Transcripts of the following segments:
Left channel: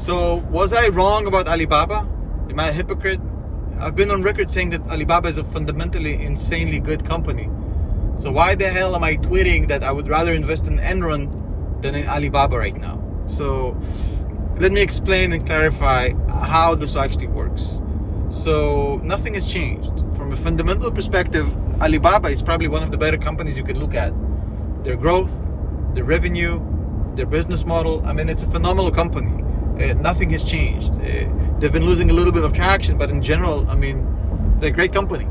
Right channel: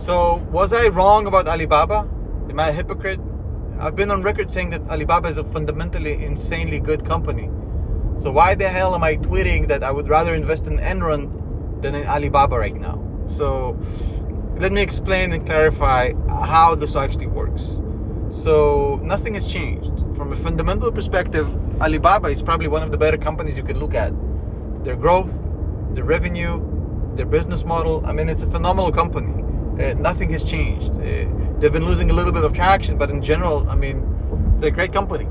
So was I wrong about Alibaba? Am I a hypocrite? I've been on record saying that Alibaba is a fundamentally insanely good company. So why the hell am I tweeting that I would rather invest in Enron than in Alibaba right now? So let me explain and clarify how this actually works. So nothing has changed. From a fundamental perspective, Alibaba is probably one of the better companies you could look at. Their growth, their revenue, their business model, I mean, it's a phenomenal company. Nothing has changed. They've been losing a little bit of traction, but in general, I mean, they're a great company.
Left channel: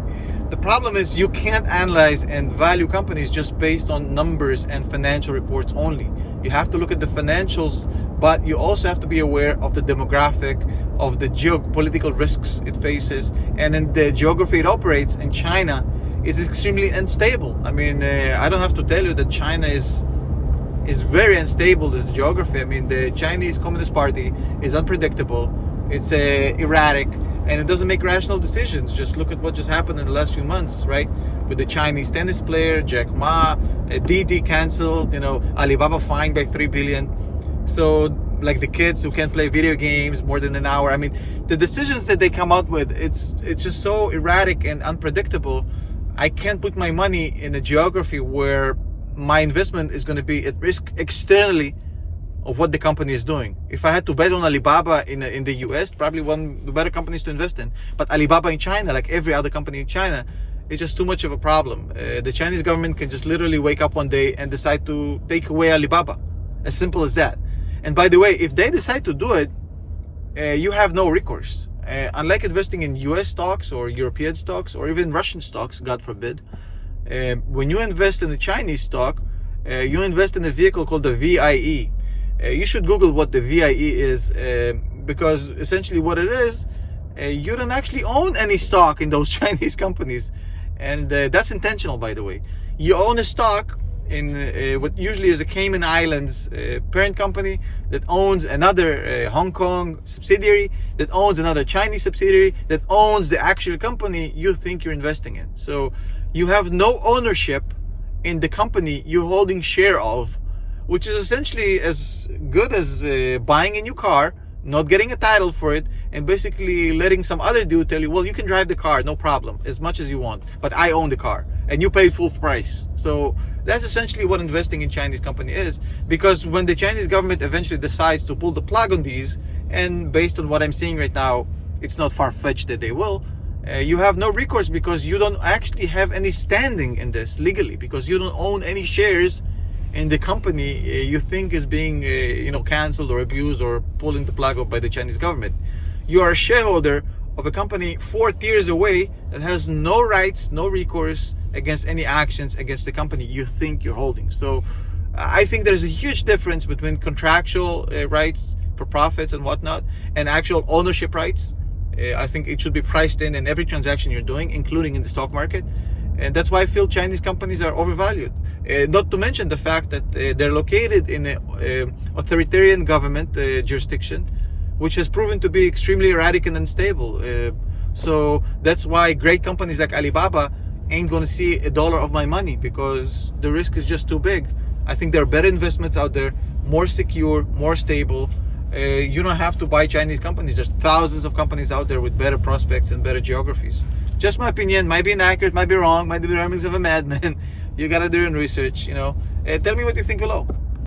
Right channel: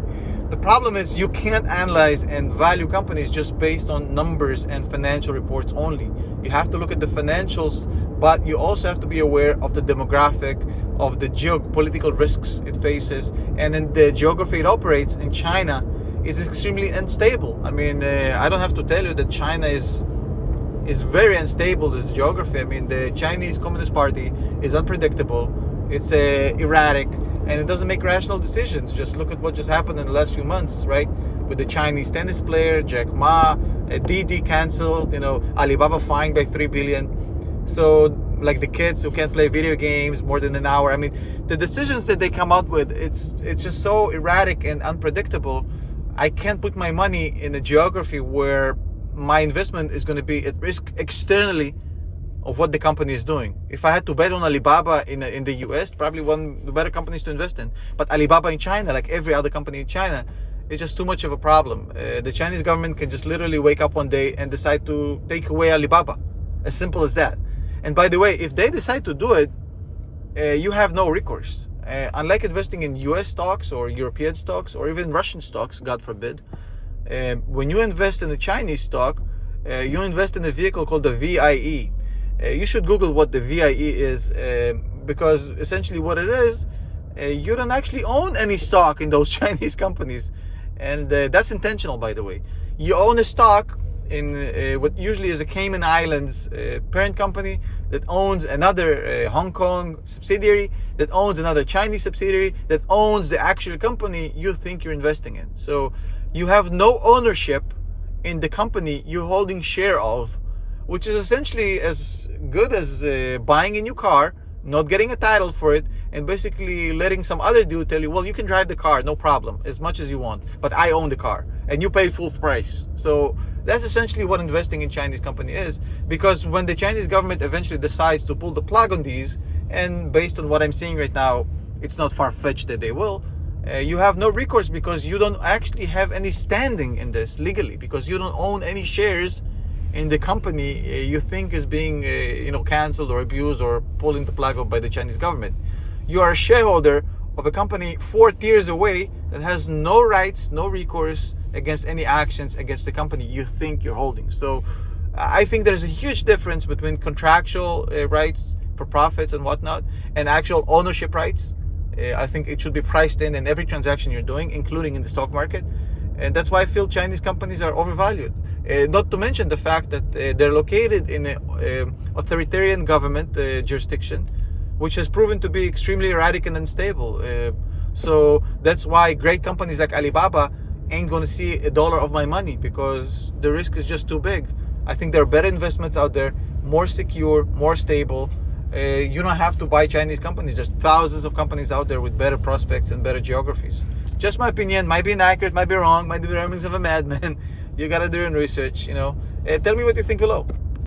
The problem is you can't analyze and value companies just based on numbers and financial reports only. You have to look at the financials, but you also have to be aware of the demographic, of the geopolitical risks it faces, and in the geography it operates in. China is extremely unstable. I mean, I don't have to tell you that China is very unstable, this geography. I mean, the Chinese Communist Party is unpredictable, it's erratic, and it doesn't make rational decisions. Just look at what just happened in the last few months, right? With the Chinese tennis player, Jack Ma, Didi canceled, Alibaba fined by 3 billion. So, like the kids who can't play video games more than an hour. I mean, the decisions that they come out with, it's just so erratic and unpredictable. I can't put my money in a geography where my investment is going to be at risk externally of what the company is doing. If I had to bet on Alibaba in the US, probably one of the better companies to invest in. But Alibaba in China, like every other company in China, it's just too much of a problem. The Chinese government can just literally wake up one day and decide to take away Alibaba. As simple as that. And by the way, if they decide to do it, you have no recourse. Unlike investing in US stocks or European stocks or even Russian stocks, God forbid, when you invest in a Chinese stock, you invest in a vehicle called the VIE. You should Google what the VIE is, because essentially what it is, you don't actually own any stock in those Chinese companies. And that's intentional, by the way. You own a stock in what usually is a Cayman Islands parent company that owns another Hong Kong subsidiary, that owns another Chinese subsidiary, that owns the actual company you think you're investing in. So you have no ownership in the company you're holding share of, which is essentially as good as buying a new car, not getting a title for it, and basically letting some other dude tell you, well, you can drive the car, no problem, as much as you want, but I own the car, and you paid full price. So that's essentially what investing in Chinese company is, because when the Chinese government eventually decides to pull the plug on these, and based on what I'm seeing right now, it's not far-fetched that they will, you have no recourse, because you don't actually have any standing in this legally, because you don't own any shares in the company you think is being canceled or abused or pulling the plug off by the Chinese government. You are a shareholder of a company 4 tiers away that has no rights, no recourse against any actions against the company you think you're holding. So I think there's a huge difference between contractual rights for profits and whatnot and actual ownership rights. I think it should be priced in every transaction you're doing, including in the stock market. And that's why I feel Chinese companies are overvalued. Not to mention the fact that they're located in an authoritarian government jurisdiction, which has proven to be extremely erratic and unstable. So that's why great companies like Alibaba ain't going to see a dollar of my money, because the risk is just too big. I think there are better investments out there, more secure, more stable. You don't have to buy Chinese companies. There's thousands of companies out there with better prospects and better geographies. Just my opinion, might be inaccurate, might be wrong, might be the ramblings of a madman. You gotta do your own research, Tell me what you think below.